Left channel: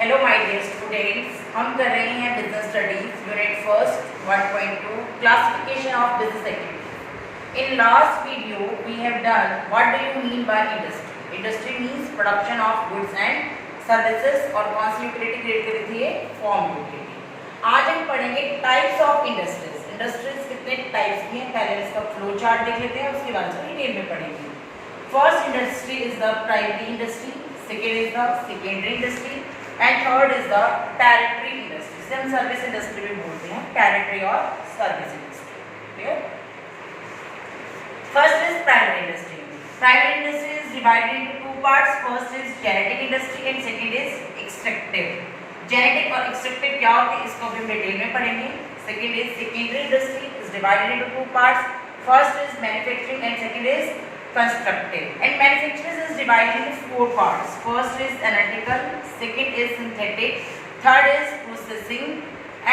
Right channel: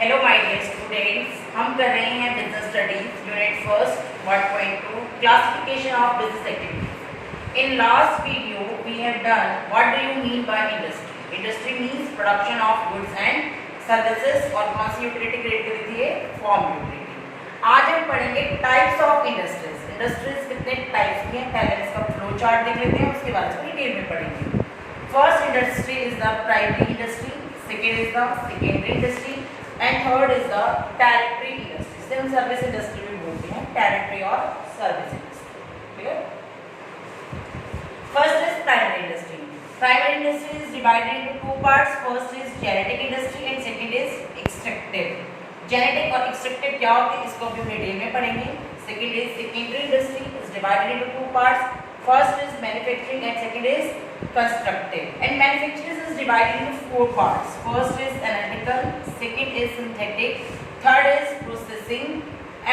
Hello my dear students, हम कर रहे हैं business studies unit first 1.2 classification of business activity. In last video we have done what do you mean by industry. Industry means production of goods and services और कौन सी utility create करी थी ये form utility. आज हम पढ़ेंगे types of industries. Industries कितने types की हैं पहले इसका फ्लो चार्ट देख लेते हैं, उसके बाद हम डिटेल में पढ़ेंगे. First industry is the primary industry, second is the secondary industry and third is the territory industry. से हम सर्विस इंडस्ट्री भी बोलते हैं, टेरिटरी और service industry. Clear. First is primary industry. Primary industry is divided into two parts. First is genetic industry and second is extractive. Genetic और extractive क्या होती है इसको भी हम डिटेल में पढ़ेंगे. Second is secondary industry is divided into two parts. First is manufacturing and second is constructive. And manufacturing is divided into four parts. First is analytical, second is synthetic, third is processing,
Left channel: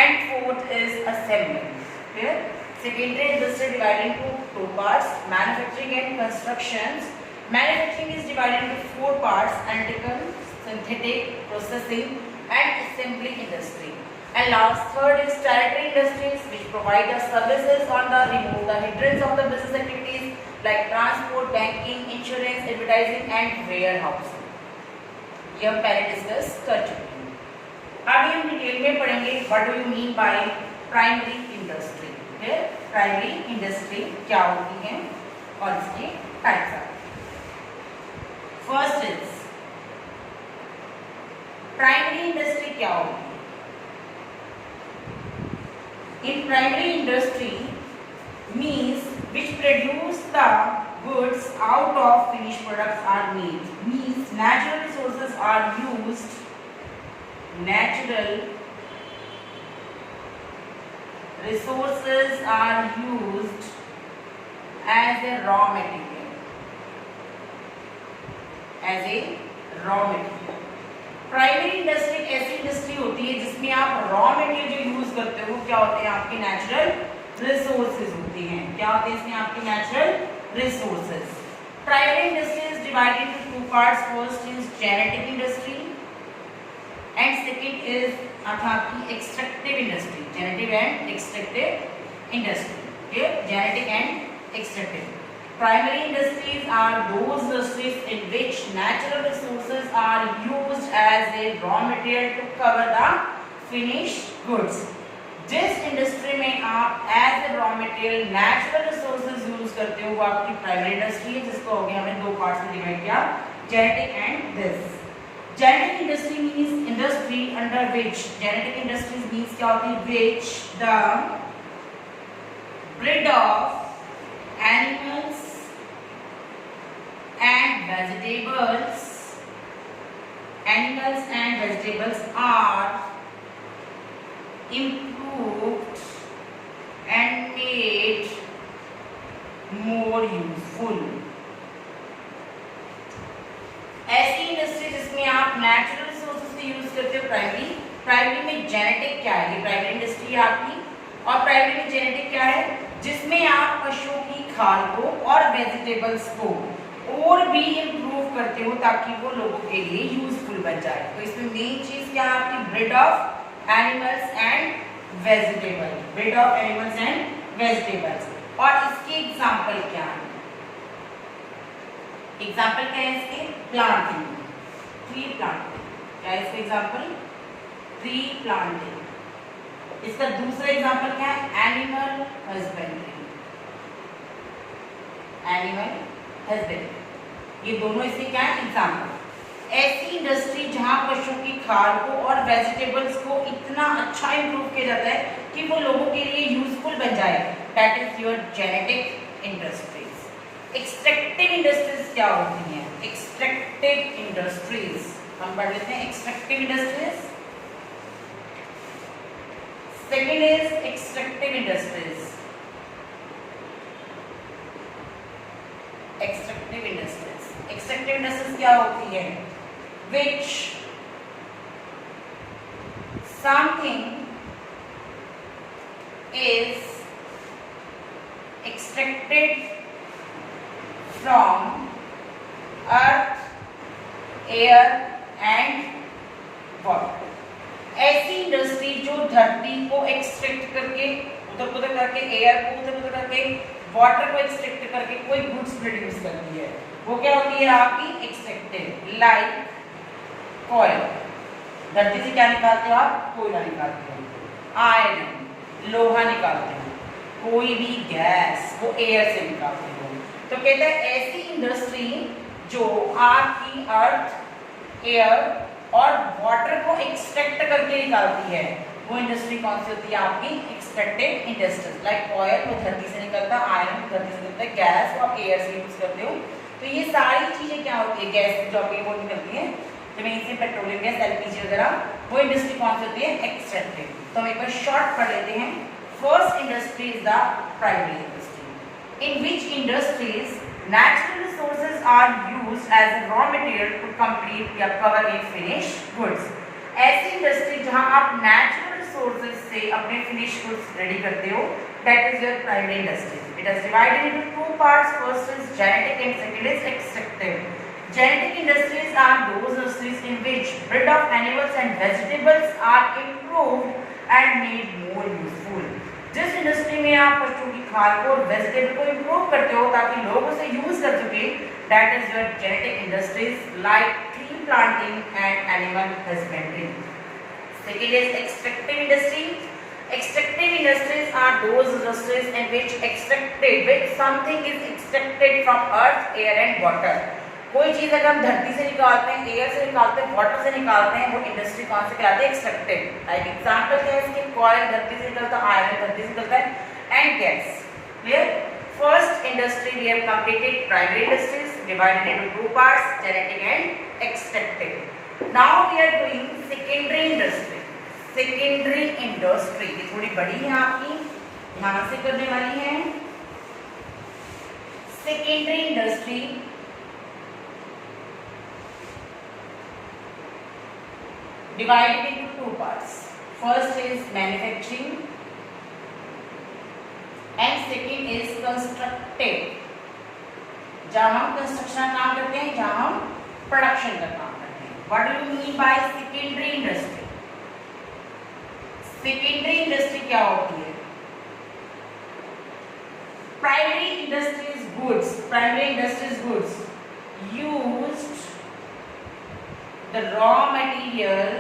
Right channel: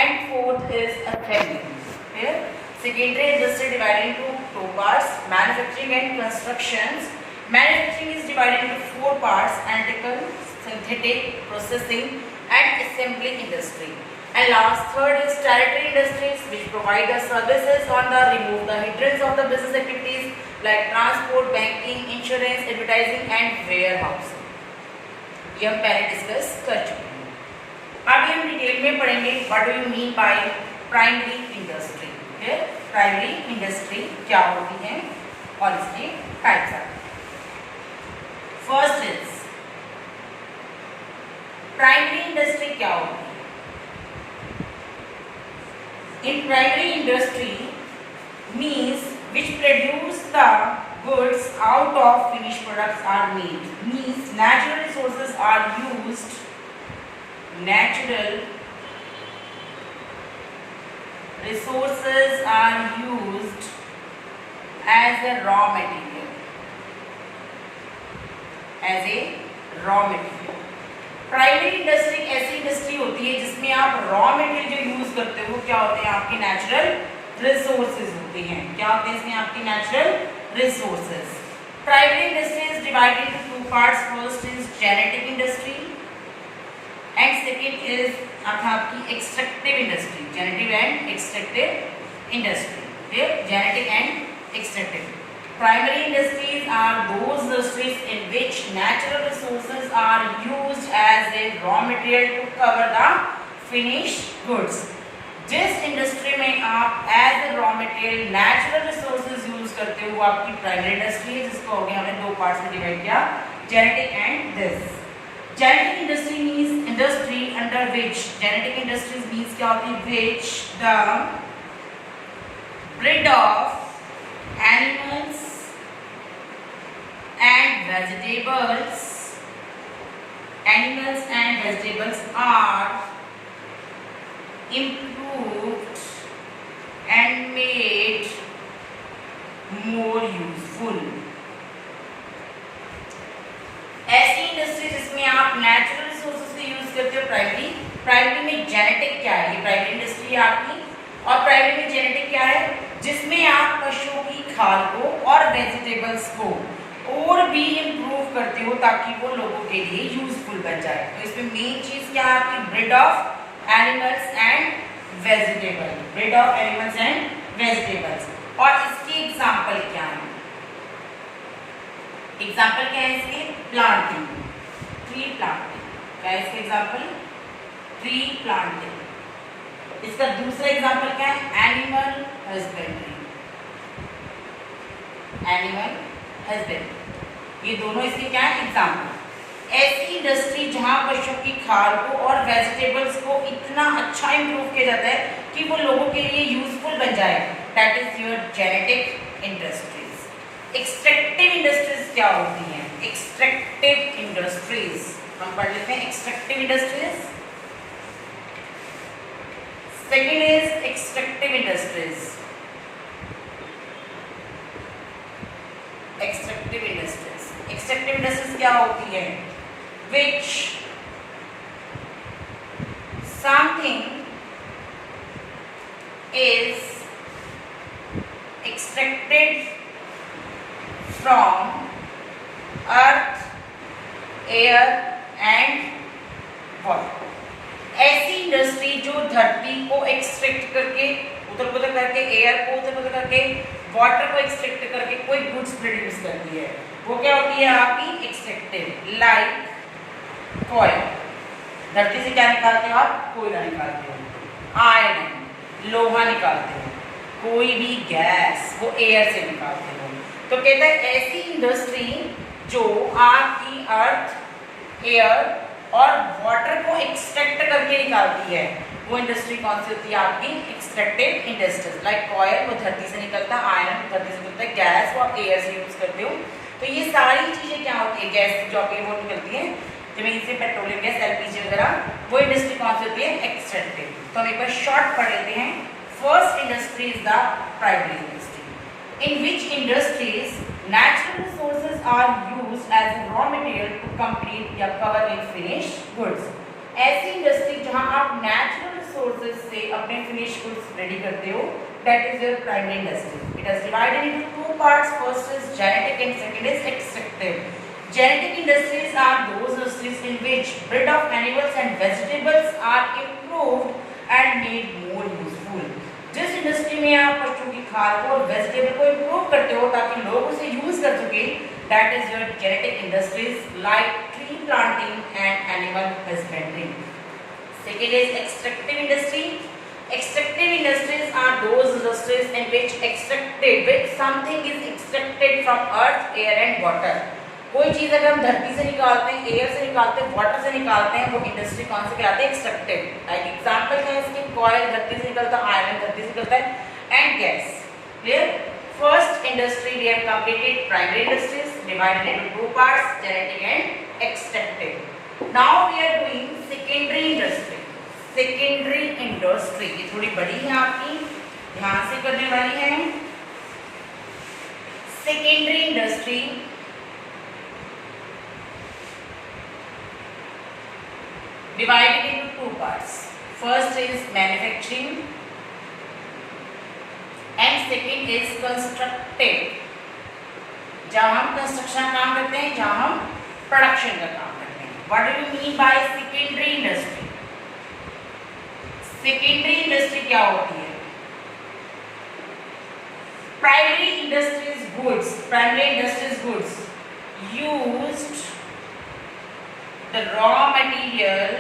and fourth is assembly. Clear? Secondary industry divided into two parts: manufacturing and constructions. Manufacturing is divided into four parts: analytical, synthetic, processing, and assembly industry. And last third is teritorial industries, which provide the services on the remove the hindrance of the business activities like transport, banking, insurance, advertising and warehousing. ये हम पहले discuss कर चुके हैं. अभी हम detail में पढ़ेंगे what do you mean by primary industry. Primary industry क्या होती है और इसके टाइप्स आते हैं. फर्स्ट इज प्राइमरी इंडस्ट्री क्या होती है. In primary industry means which produce the goods out of finished products are made. Means natural resources are used. Natural resources are used as a raw material. As a raw material. Primary industry ऐसी industry होती है जिसमें आप raw material जो use करते हो क्या होते हैं आपके नेचुरल रिसोर्सेज होते हैं. क्या होते हैं इसमें आपके natural resources. Primary industry is divided into two parts. First is genetic industry and second is आपकी extractive industry. Genetic and extractive industry. Genetic and extractive. Primary industries are those industries in which natural resources are used as a raw material to cover the finished goods. जिस industry में आप as a raw material natural resources use करते हो वो आपकी primary industry है, जिसको हो गया हमने दो पार्ट्स में डिवाइड किया, genetic and this. Genetic industry means industry under which, genetic industries means क्या होती है, which the breed of animals and vegetables are improved and made more useful. ऐसी इंडस्ट्री जिसमें आप नेचुरल रिसोर्सेज को यूज करते हो. प्राइमरी में जेनेटिक क्या है, ये प्राइमरी इंडस्ट्री है आपकी. और प्राइमरी में जेनेटिक क्या है, जिसमें आप पशुओं की खाल को और वेजिटेबल्स को और भी इम्प्रूव करते हो ताकि वो लोगों के लिए यूजफुल बन जाए. तो इसमें मेन चीज क्या है आपकी, breed of animals and vegetable. Breed of animals and vegetables. और इसके एग्जाम्पल क्या है, एग्जाम्पल क्या है इसके, प्लांटिंग, ट्री प्लांटिंग. क्या है इसके एग्जाम्पल, ट्री प्लांटिंग. इसका दूसरा एग्जाम्पल क्या है, एनिमल हस्बेंड्री. Animal husbandry. ये दोनों इसके क्या है एग्जाम्पल. ऐसी इंडस्ट्री जहां पशुओं की खाल को और वेजिटेबल्स को इतना अच्छा इंप्रूव किया जाता है कि वो लोगों के लिए यूजफुल बन जाए, that is your genetic industries. Extractive industries क्या होती हैं, एक्सट्रैक्टिव इंडस्ट्रीज हम पढ़ लेते हैं. Extractive industries, second is extractive industries. Extractive industries, extractive industries क्या होती है, which something is extracted from earth, air and water. ऐसी इंडस्ट्री जो धरती को एक्सट्रैक्ट करके, उधर उधर करके, एयर को उधर उधर करके, वाटर को एक्सट्रैक्ट करके कोई गुड्स प्रोड्यूस करती है, वो क्या होती है आपकी एक्सट्रैक्टिव। लाइक कोयल, धरती से क्या निकालते हो आप? कोयला निकालते हो। आयरन, लोहा निकालते हो। कोई भी गैस वो एयर से निकालते हो। तो कहता है ऐसी इंडस्ट्री जो आपकी अर्थ, एयर और वाटर को एक्सट्रैक्ट करके निकालती है, वो इंडस्ट्री कौन सी होती है आपकी? Extractive industries. लाइक ऑयल वो धरती से निकलता है, आयरन धरती से निकलता है, गैस वो आप एयर से यूज करते हो। तो ये सारी चीजें क्या होती है? गैस जो आपकी वो निकलती है जमीन से, पेट्रोलियम गैस, एलपीजी वगैरह, वो इंडस्ट्री कौन सी होती है? एक्सट्रैक्टिव। तो हम एक बार शॉर्ट पढ़ लेते हैं। First industry is the primary industry, in which industries natural resources are used as a raw material to complete या cover a finished goods। ऐसी इंडस्ट्री जहां आप नेचुरल रिसोर्सेज से अपने फिनिश गुड्स रेडी करते हो, that is your primary industry। It is divided into two parts, first is genetic and second is extractive। Genetic industries are those industries in which breed of animals and vegetables are improved and made more useful। जिस industry में आप पशुओं की खाद को और vegetable को improve करते हो ताकि लोग उसे यूज कर सके, that is your genetic industries like tree planting and animal husbandry. Second is extractive industry. Extractive industries are those industries in which extracted which something is extracted from earth, air and water. कोई चीज अगर हम धरती से निकालते हैं, air से निकालते हैं, वाटर से निकालते हैं, वो इंडस्ट्री कौन से कहलाते हैं? एक्सट्रैक्टिव। लाइक एग्जांपल है इसके, कॉयल धरती से निकलता है, आयरन धरती से निकलता है, and gas. Clear? First industry we have completed primary industries divided into two parts, genetic and extractive. Now we are doing secondary industry. Secondary industry ये थोड़ी बड़ी है आपकी, ध्यान से करने वाली है। Secondary industry divided into two parts. First is manufacturing and second is constructive। जहाँ हम कंस्ट्रक्शन का काम करते हैं, जहाँ हम प्रोडक्शन का काम करते हैं। What do you mean by secondary industry? Secondary industry क्या होती है? Primary industries goods, primary industries goods used the raw material।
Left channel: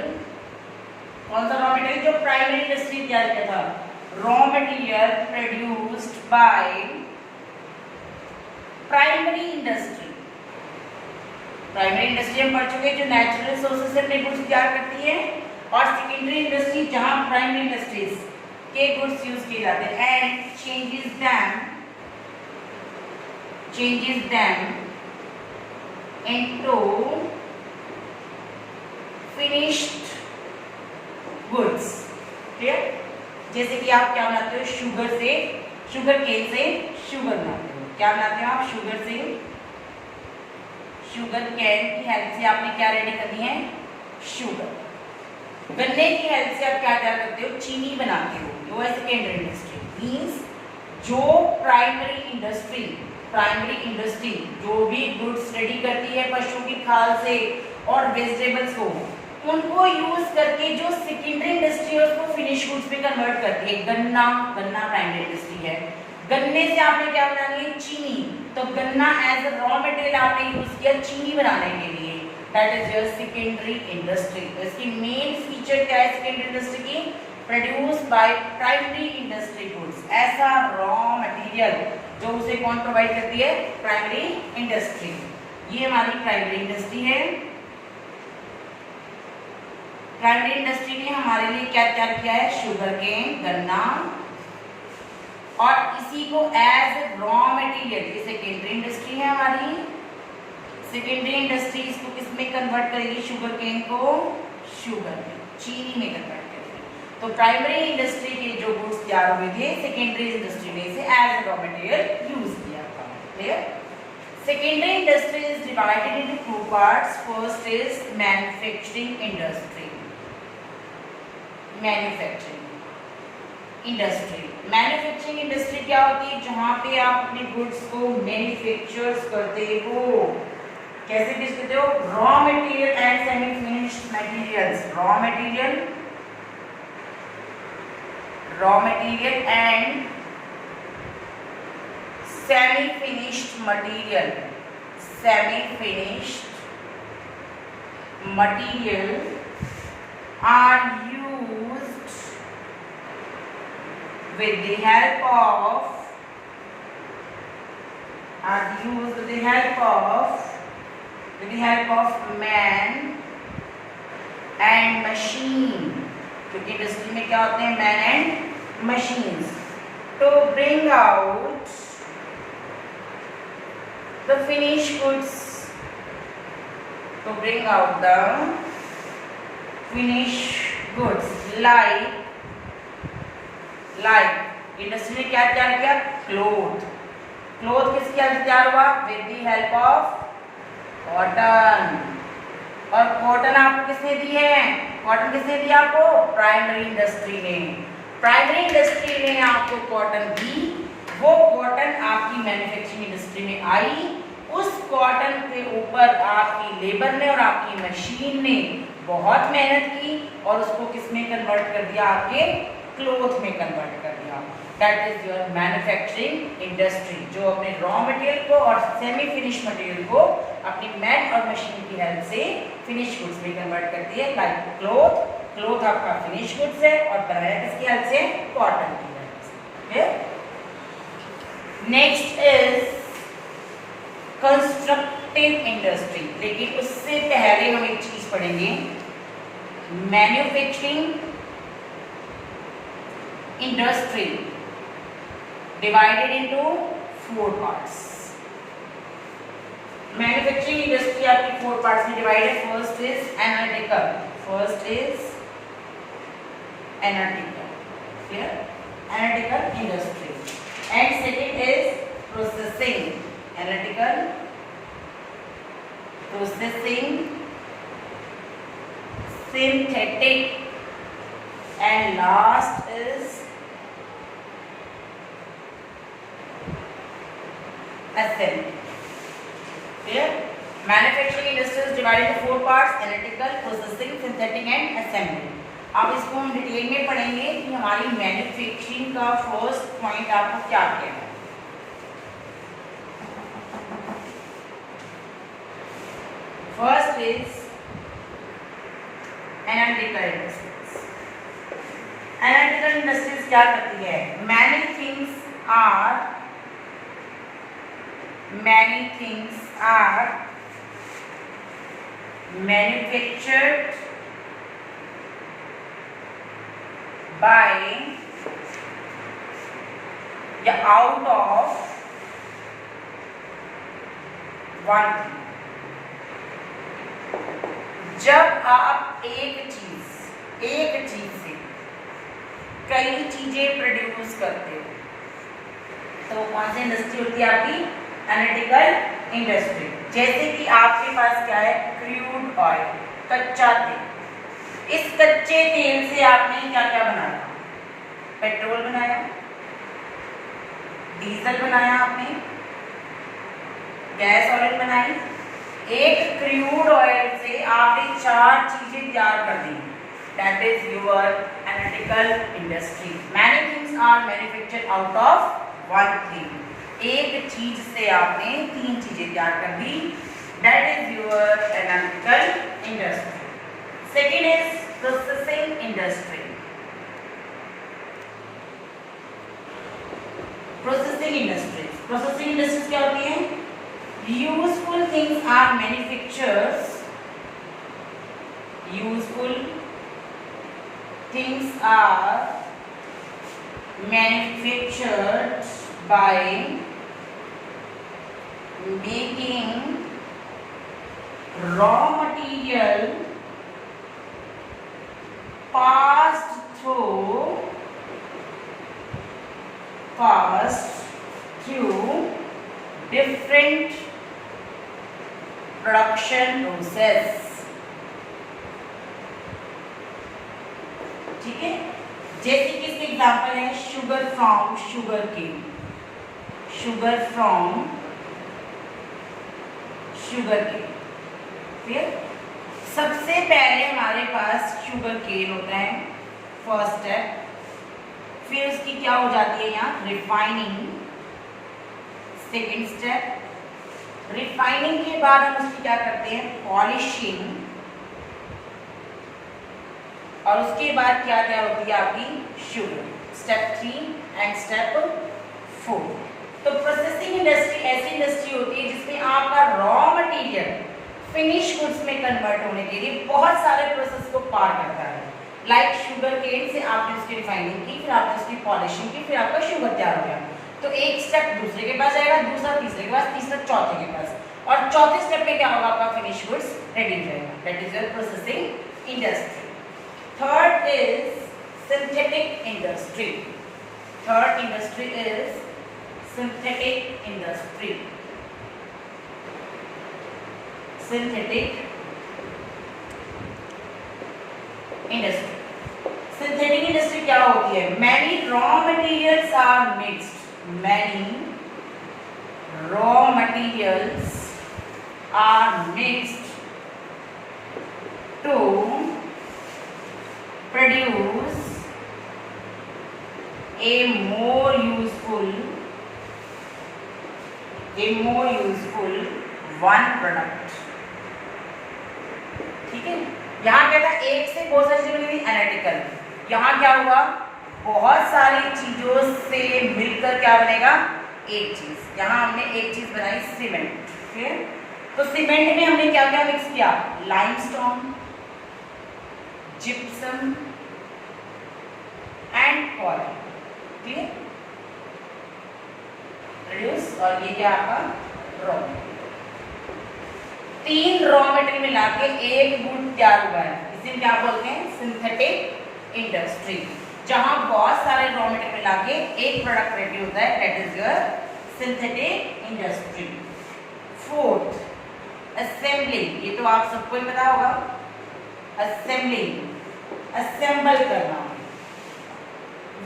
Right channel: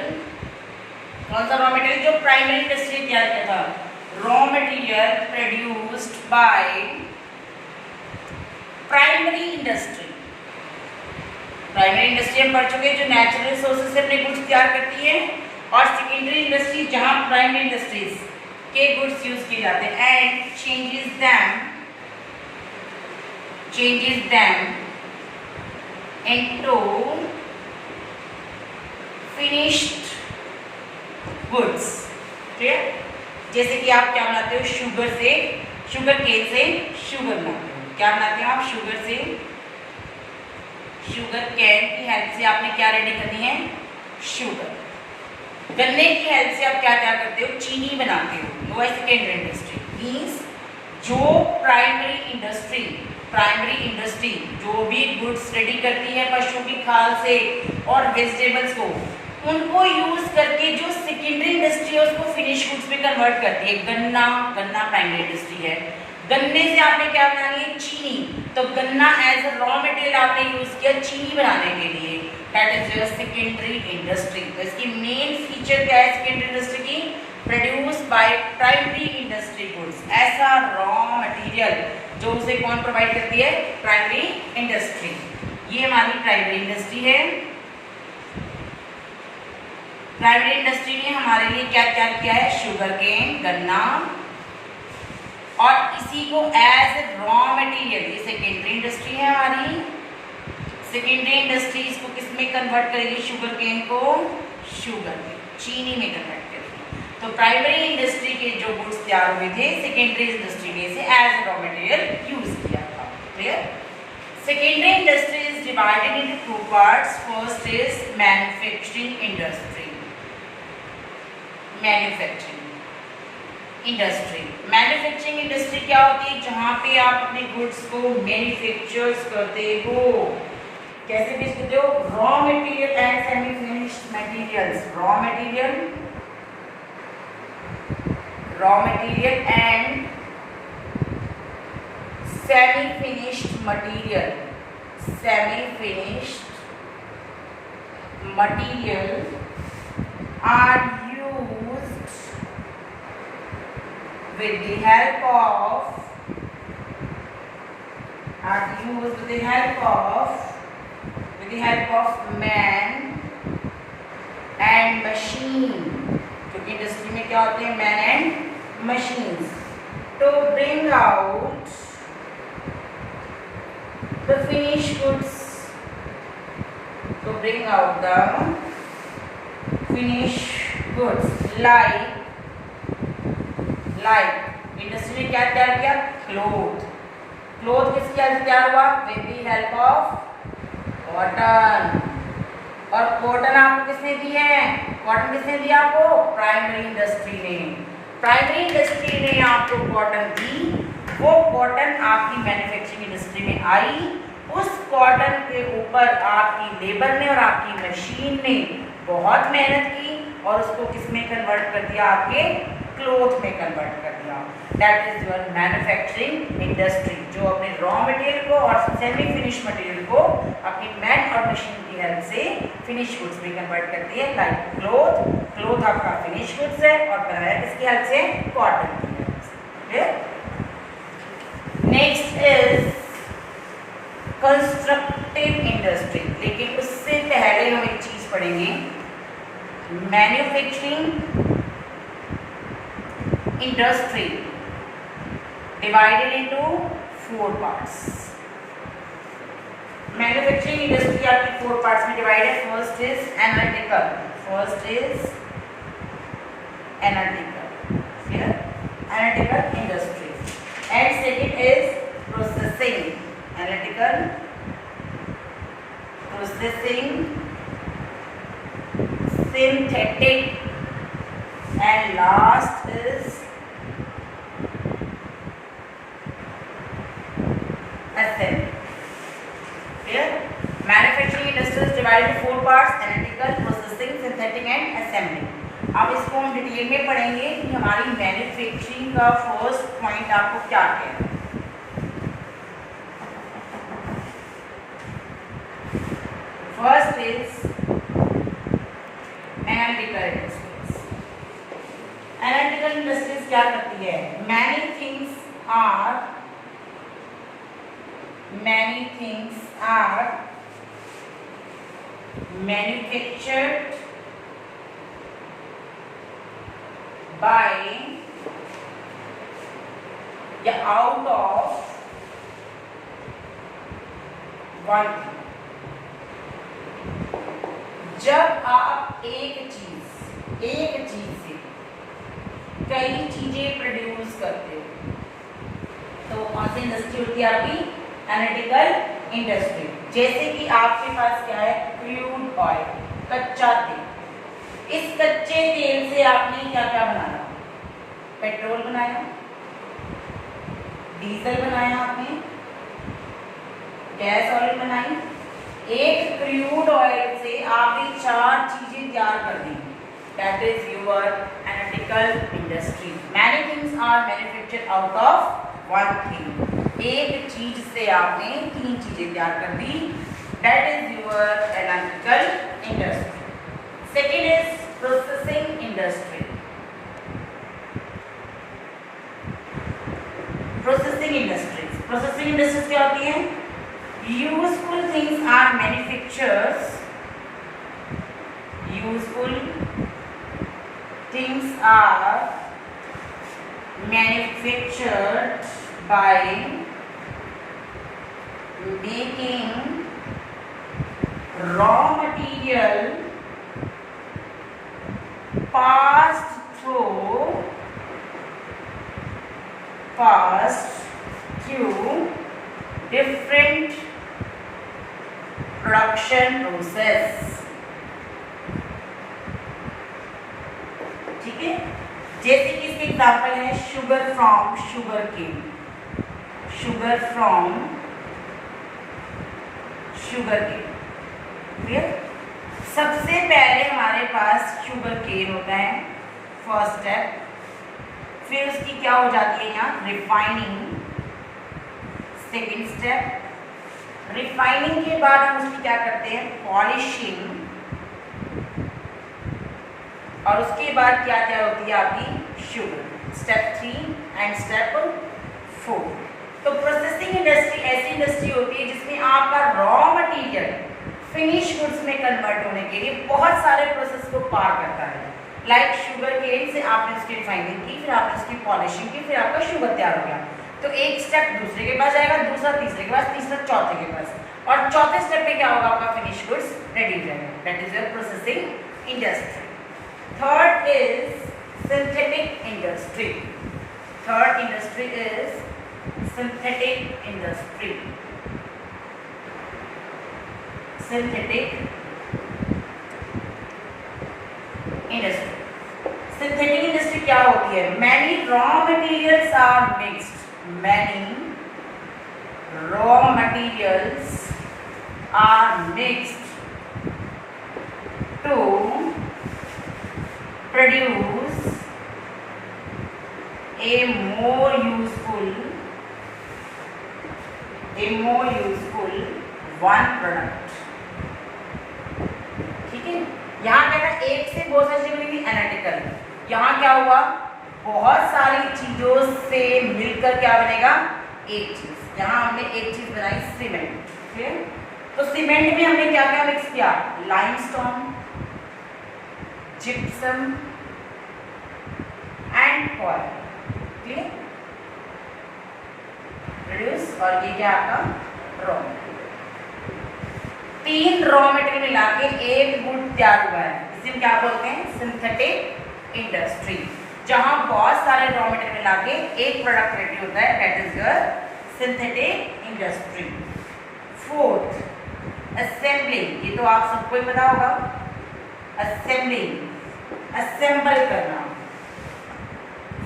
कौन सा रॉ मटेरियल? जो प्राइमरी इंडस्ट्री तैयार किया था, raw material produced by primary industry. Primary industry हम पढ़ चुके हैं जो नेचुरल रिसोर्सेज से अपने गुड्स तैयार करती है, और सेकेंडरी इंडस्ट्री जहां प्राइमरी इंडस्ट्रीज के गुड्स यूज किए जाते हैं, and changes them into finished goods. Clear? जैसे कि आप क्या बनाते हो? शुगर से, शुगर केन से शुगर बनाते हो। क्या बनाते हो आप? शुगर से, शुगर कैन की हेल्प से आपने क्या रेडी करनी है? शुगर। गन्ने की हेल्प से आप क्या क्या करते हो? चीनी बनाते हो। वो है सेकेंडरी इंडस्ट्री। मीन्स जो प्राइमरी इंडस्ट्री जो भी गुड्स रेडी करती है पशुओं की खाल से और वेजिटेबल्स को, उनको यूज करके जो सेकेंडरी इंडस्ट्री है उसको फिनिश गुड्स में कन्वर्ट करती है। गन्ना प्राइमरी इंडस्ट्री है। गन्ने से आपने क्या बना लिया? चीनी। तो गन्ना एज अ रॉ मटेरियल आपने यूज किया चीनी बनाने के लिए, that is your secondary industry. तो इसकी मेन फीचर क्या है सेकेंडरी इंडस्ट्री की? Produce by primary industry goods. ऐसा रॉ मटेरियल जो उसे कौन प्रोवाइड करती है? Primary industry. ये हमारी प्राइमरी इंडस्ट्री है। प्राइमरी इंडस्ट्री ने हमारे लिए क्या तैयार किया है? शुगर केन, गन्ना, और इसी को एज ए रॉ मटेरियल, ये सेकेंडरी इंडस्ट्री है हमारी। सेकेंडरी इंडस्ट्री इसको किस में कन्वर्ट करेगी? शुगर केन को शुगर में, चीनी में कन्वर्ट करेगी। तो प्राइमरी इंडस्ट्री के जो गुड्स तैयार हुए थे सेकेंडरी इंडस्ट्री ने इसे as a raw material use किया था। Clear? Secondary industry is divided into two parts. First is manufacturing industry. Manufacturing industry क्या होती है? जहां पे आप अपने गुड्स को मैन्युफैक्चर करते हो। कैसे बेचते हो? Raw material and semi finish finished materials, raw material and semi-finished material are used with the help of man and machine, क्योंकि इंडस्ट्री में क्या होते हैं, man and machines, to bring out the finished goods, like industry में क्या तैयार किया, cloth किसकी हेल्प से तैयार हुआ, with the help of cotton. और कॉटन आपको किसने दी है, कॉटन किसने दिया आपको, प्राइमरी इंडस्ट्री ने आपको कॉटन दी। वो कॉटन आपकी मैन्युफैक्चरिंग इंडस्ट्री में आई, उस कॉटन के ऊपर आपकी लेबर ने और आपकी मशीन ने बहुत मेहनत की और उसको किसमें कन्वर्ट कर दिया, आपके क्लोथ में कन्वर्ट कर दिया। That is your manufacturing industry, जो अपने रॉ मटेरियल को और सेमी फिनिश मटेरियल को अपनी मैन और मशीन की हेल्प से फिनिश गुड्स में कन्वर्ट करती है। लाइक क्लोथ आपका फिनिश गुड्स है और बनाया किसकी हेल्प से, कॉटन की हेल्प से। नेक्स्ट इज कंस्ट्रक्टिव इंडस्ट्री, लेकिन उससे पहले हम एक चीज पढ़ेंगे, manufacturing industry divided into 4 parts। Manufacturing industry आपकी 4 पार्ट्स में डिवाइड है। First is analytical, industry, and second is processing, synthetic, and last is assembly। Here manufacturing industry is divided into 4 parts: analytical, processing, synthetic and assembly। अब इसको हम detail में पढ़ेंगे कि हमारी मैन्युफैक्चरिंग का फर्स्ट पॉइंट आपको क्या कहना है। First is analytical industries. Analytical industries क्या करती है, many things are manufactured by या out of one thing। जब आप एक चीज से कई चीजें प्रोड्यूस करते हो तो कौन सी इंडस्ट्री होती है आपकी, एनालिटिकल इंडस्ट्री। जैसे कि आपके पास क्या है, क्रूड ऑयल, कच्चा तेल। इस कच्चे तेल से आपने क्या क्या बनाया, पेट्रोल बनाया, डीजल बनाया, आपने गैस ऑयल बनाई। एक क्रूड ऑयल से आपने 4 चीजें तैयार कर दी। That is your analytical industry. Many things are manufactured out of one thing. एक चीज से आपने 3 चीजें तैयार कर दी। That is your analytical industry. Second is processing industry. Processing industries क्या होती हैं, useful things are manufactured by making raw material passed through different production process. ठीक है, जैसे कि इसके एग्जाम्पल है शुगर फ्रॉम शुगर केन, सबसे पहले हमारे पास शुगर केन होता है, फर्स्ट स्टेप। फिर उसकी क्या हो जाती है यहाँ रिफाइनिंग, सेकेंड स्टेप। रिफाइनिंग के बाद हम उसकी क्या करते हैं पॉलिशिंग, और उसके बाद क्या क्या होती है आपकी शुगर, स्टेप 3 एंड स्टेप 4। तो प्रोसेसिंग इंडस्ट्री ऐसी इंडस्ट्री होती है जिसमें आपका रॉ मटेरियल फिनिश गुड्स में कन्वर्ट होने के लिए बहुत सारे प्रोसेस को पार करता है। लाइक शुगर केन से आपने उसकी रिफाइनिंग की, फिर आपने उसकी पॉलिशिंग की, फिर आपका शुगर तैयार हो गया। तो एक स्टेप दूसरे के पास जाएगा, दूसरा तीसरे के पास, तीसरा चौथे के पास, और चौथे स्टेप में क्या होगा आपका फिनिश गुड्स रेडी हो जाएगा। That is your processing industry. Third is synthetic industry. Third industry is synthetic industry. Synthetic industry, synthetic industry क्या होती है? Many raw materials are mixed, many raw materials are mixed to produce a more useful one product। ठीक है, यहाँ क्या था एक से बहुत सारी चीजें हुई एनालिटिकल, यहाँ क्या हुआ बहुत सारी चीजों से मिलकर क्या बनेगा एक चीज। यहाँ हमने एक चीज बनाई सीमेंट। ठीक है, तो सीमेंट में हमने क्या क्या मिक्स किया? Limestone, gypsum and coil. ठीक है, प्रोड्यूस, और ये क्या आपका रॉ, तीन रॉ मटेरियल मिला के एक गुड तैयार हुआ है। इसे क्या बोलते हैं? Synthetic industry. जहां बहुत सारे रॉ मटेरियल मिला के एक प्रोडक्ट रेडी होता है, that is your synthetic industry. Fourth assembling, ये तो आप सबको ही पता होगा। असेंबलिंग, असेंबल करना,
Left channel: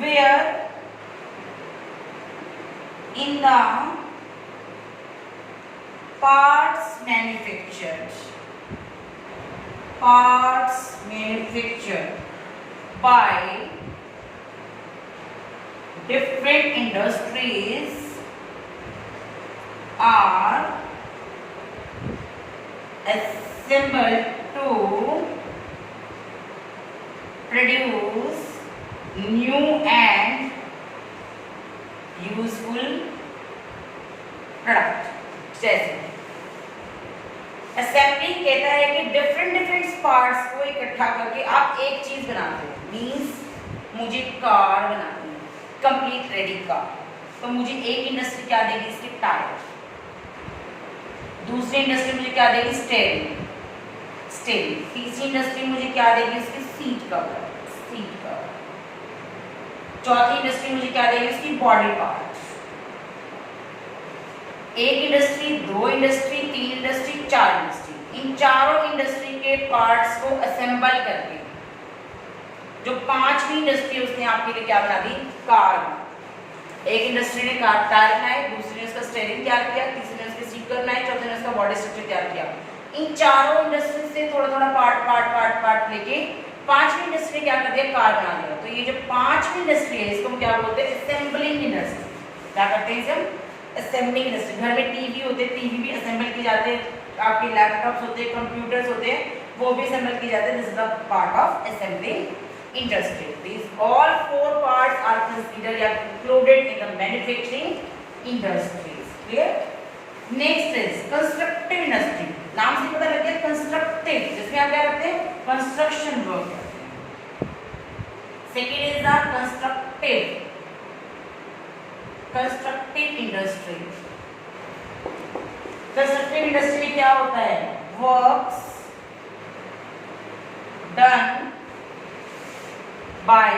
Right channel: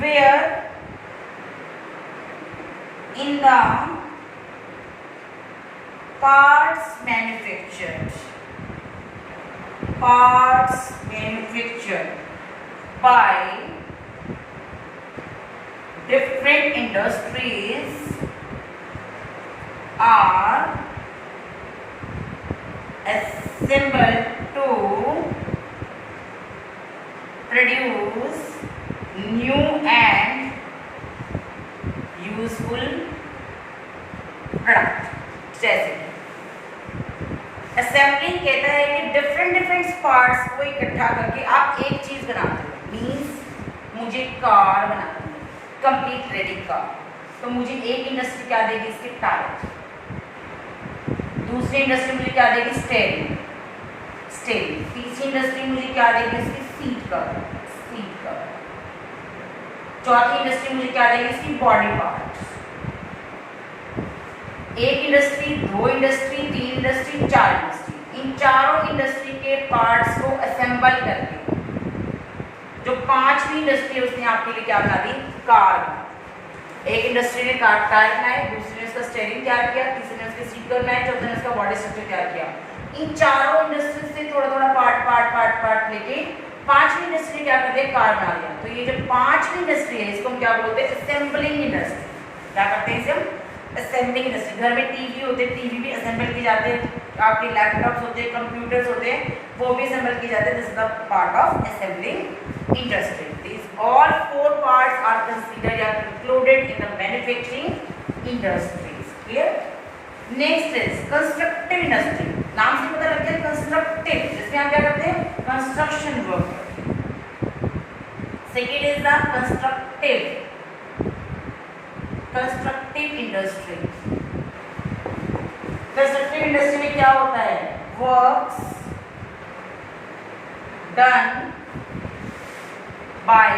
where in the parts manufactured by different industries are assembled to produce new and useful product. जैसे असेंबलिंग कहता है कि डिफरेंट पार्ट्स को इकट्ठा करके आप एक चीज बनाते हो। मींस मुझे कार बनानी है, कंप्लीट रेडी कार, तो मुझे एक इंडस्ट्री क्या देगी? इसके टायर। दूसरी इंडस्ट्री मुझे क्या देगी? स्टीयरिंग। तीसरी इंडस्ट्री मुझे क्या देगी? इसकी सीट कवर। चौथी इंडस्ट्री मुझे क्या देगी? इसकी बॉडी पार्ट। एक इंडस्ट्री, दो इंडस्ट्री, तीन इंडस्ट्री, चार इंडस्ट्री, इन चारों इंडस्ट्री के पार्ट्स को असेंबल करके जो पांचवी इंडस्ट्री उसने आपके लिए क्या बना दी? कार। एक इंडस्ट्री ने कार टायर बनाए, दूसरी ने उसका स्टीयरिंग तैयार किया, तीसरी ने उसके सीट कवर बनाए, चौथे ने उसका बॉडी स्ट्रक्चर तैयार किया। इन चारों इंडस्ट्री से थोड़ा थोड़ा पार्ट लेके पांचवी इंडस्ट्री क्या करती है? कार बना लिया। तो ये जो पांचवी इंडस्ट्री है इसको हम क्या बोलते हैं? Assembling industry. क्या करते हैं इसे हम? Assembling industry. घर में टीवी होते हैं, टीवी भी असेंबल किए जाते हैं, आपके लैपटॉप्स होते हैं, कंप्यूटर्स होते हैं, वो भी असेंबल किए जाते हैं। This is the part of assembling industry. This all four parts are considered या included in the manufacturing industries. Clear? Next is constructive industry. नाम से पता लग गया कंस्ट्रक्टिव, जिसमें आप क्या करते हैं? Construction work. Second is the constructive industry. Constructive industry में क्या होता है? Works done by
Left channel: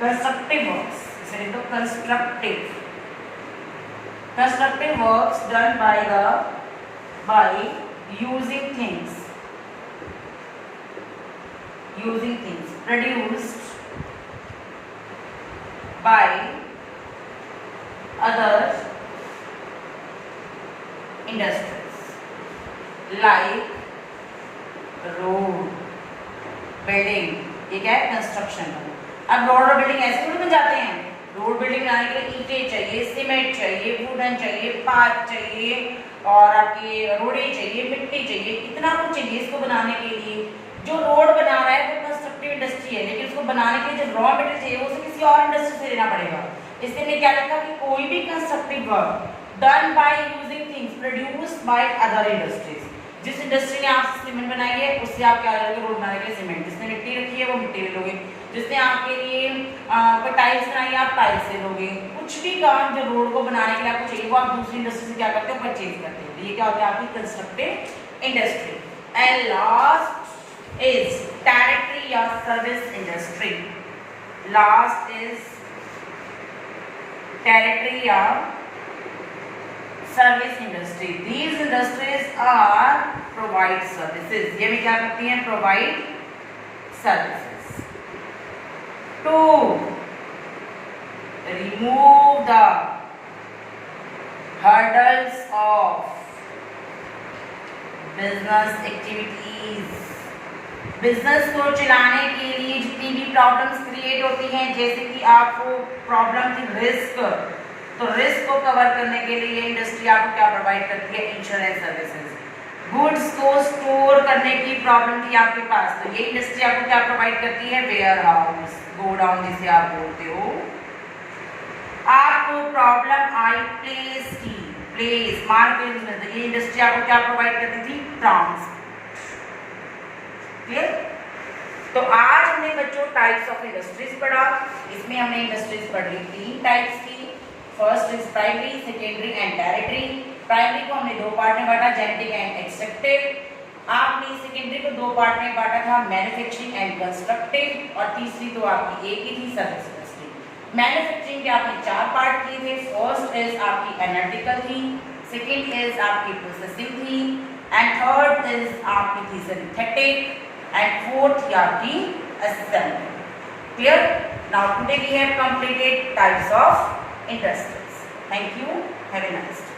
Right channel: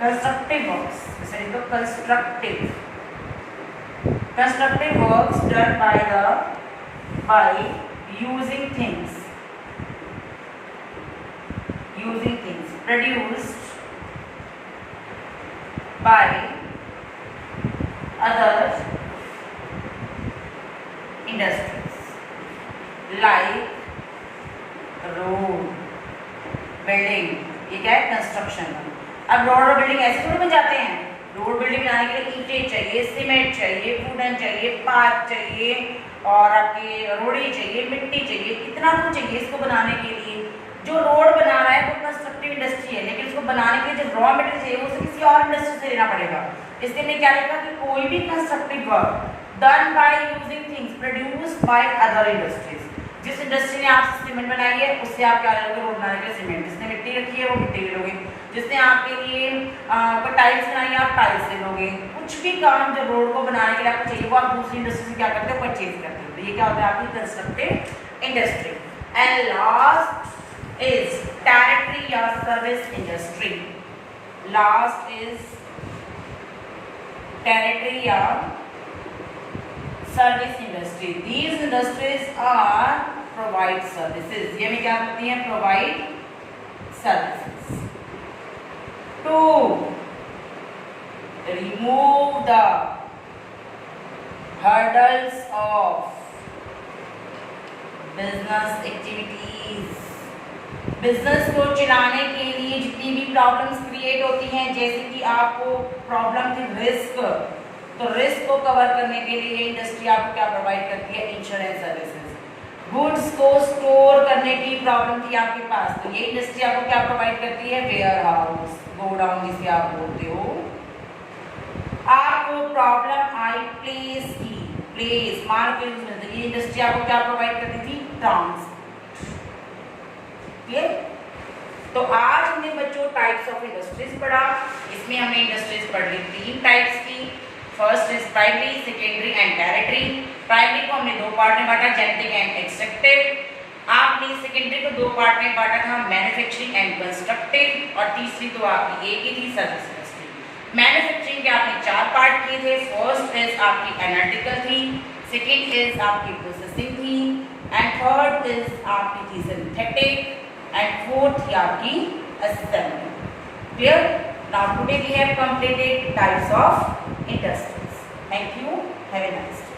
constructive works. इसे लिखो constructive works done by using things produced by other industries like road building, ये क्या है, कंस्ट्रक्शन। अब रोड और बिल्डिंग ऐसे थोड़ी बन जाते हैं। रोड बिल्डिंग बनाने के लिए ईंटें चाहिए, सीमेंट चाहिए, वुडन चाहिए, पाथ चाहिए और आपके रोड़े चाहिए, मिट्टी चाहिए, कितना कुछ चाहिए इसको बनाने के लिए। जो रोड बना रहा है वो कंस्ट्रक्टिव इंडस्ट्री है, लेकिन इसको बनाने के लिए जो रॉ मटेरियल चाहिए वो उसे किसी और इंडस्ट्री से लेना पड़ेगा। इसलिए मैं क्या लिखा कि कोई भी constructive work done by using things produced by other industries. जिस इंडस्ट्री ने आपसे सीमेंट बनाई है उससे आप क्या लोगे, रोड बनाने के लिए सीमेंट। जिसने मिट्टी रखी है वो मिट्टी ले लोगे, जिसने आपके लिए कोई टाइल्स बनाई है आप टाइल्स ले लोगे। कुछ भी काम जब रोड को बनाने के लिए आपको चाहिए वो आप दूसरी इंडस्ट्री से क्या करते हो, परचेज करते हो। तो ये क्या होता है आपकी constructive industry. And last is territory या service industry. Last is territory या service industry. These industries are provide services। ये भी क्या करती हैं, provide services. To remove the hurdles of business activities। Business को चलाने के लिए जितनी भी प्रॉब्लम्स क्रिएट होती हैं, जैसे कि आपको प्रॉब्लम की रिस्क, तो रिस्क को कवर करने के लिए इंडस्ट्री आपको क्या प्रोवाइड करती है, इंश्योरेंस सर्विसेज। गुड्स को स्टोर करने की प्रॉब्लम थी आपके पास, तो ये इंडस्ट्री आपको क्या प्रोवाइड करती है, वेयर हाउस, गोडाउन जिसे आप बोलते हो। आपको प्रॉब्लम आई प्लेस की, प्लेस मार्केट में, तो ये इंडस्ट्री आपको क्या प्रोवाइड करती थी, ट्रांसपोर्ट। क्लियर? तो आज हमने बच्चों टाइप्स ऑफ इंडस्ट्रीज पढ़ा। इसमें हमने इंडस्ट्रीज पढ़ ली 3 टाइप्स की। First is primary, secondary and territory. Primary को हमने 2 पार्ट में बांटा, जेनेटिक एंड एक्सट्रैक्टिव। आपने सेकेंडरी को 2 पार्ट में बांटा था, मैन्युफैक्चरिंग एंड कंस्ट्रक्टिव। और तीसरी तो आपकी एक ही थी, सर्विस इंडस्ट्री। मैन्युफैक्चरिंग के आपने 4 पार्ट किए थे। फर्स्ट इज आपकी एनालिटिकल थी, सेकेंड इज आपकी प्रोसेसिंग थी, एंड थर्ड इज आपकी थी सिंथेटिक, and fourth आपकी assembly। Clear? Now today we have completed types of industries. Thank you. Have a nice day.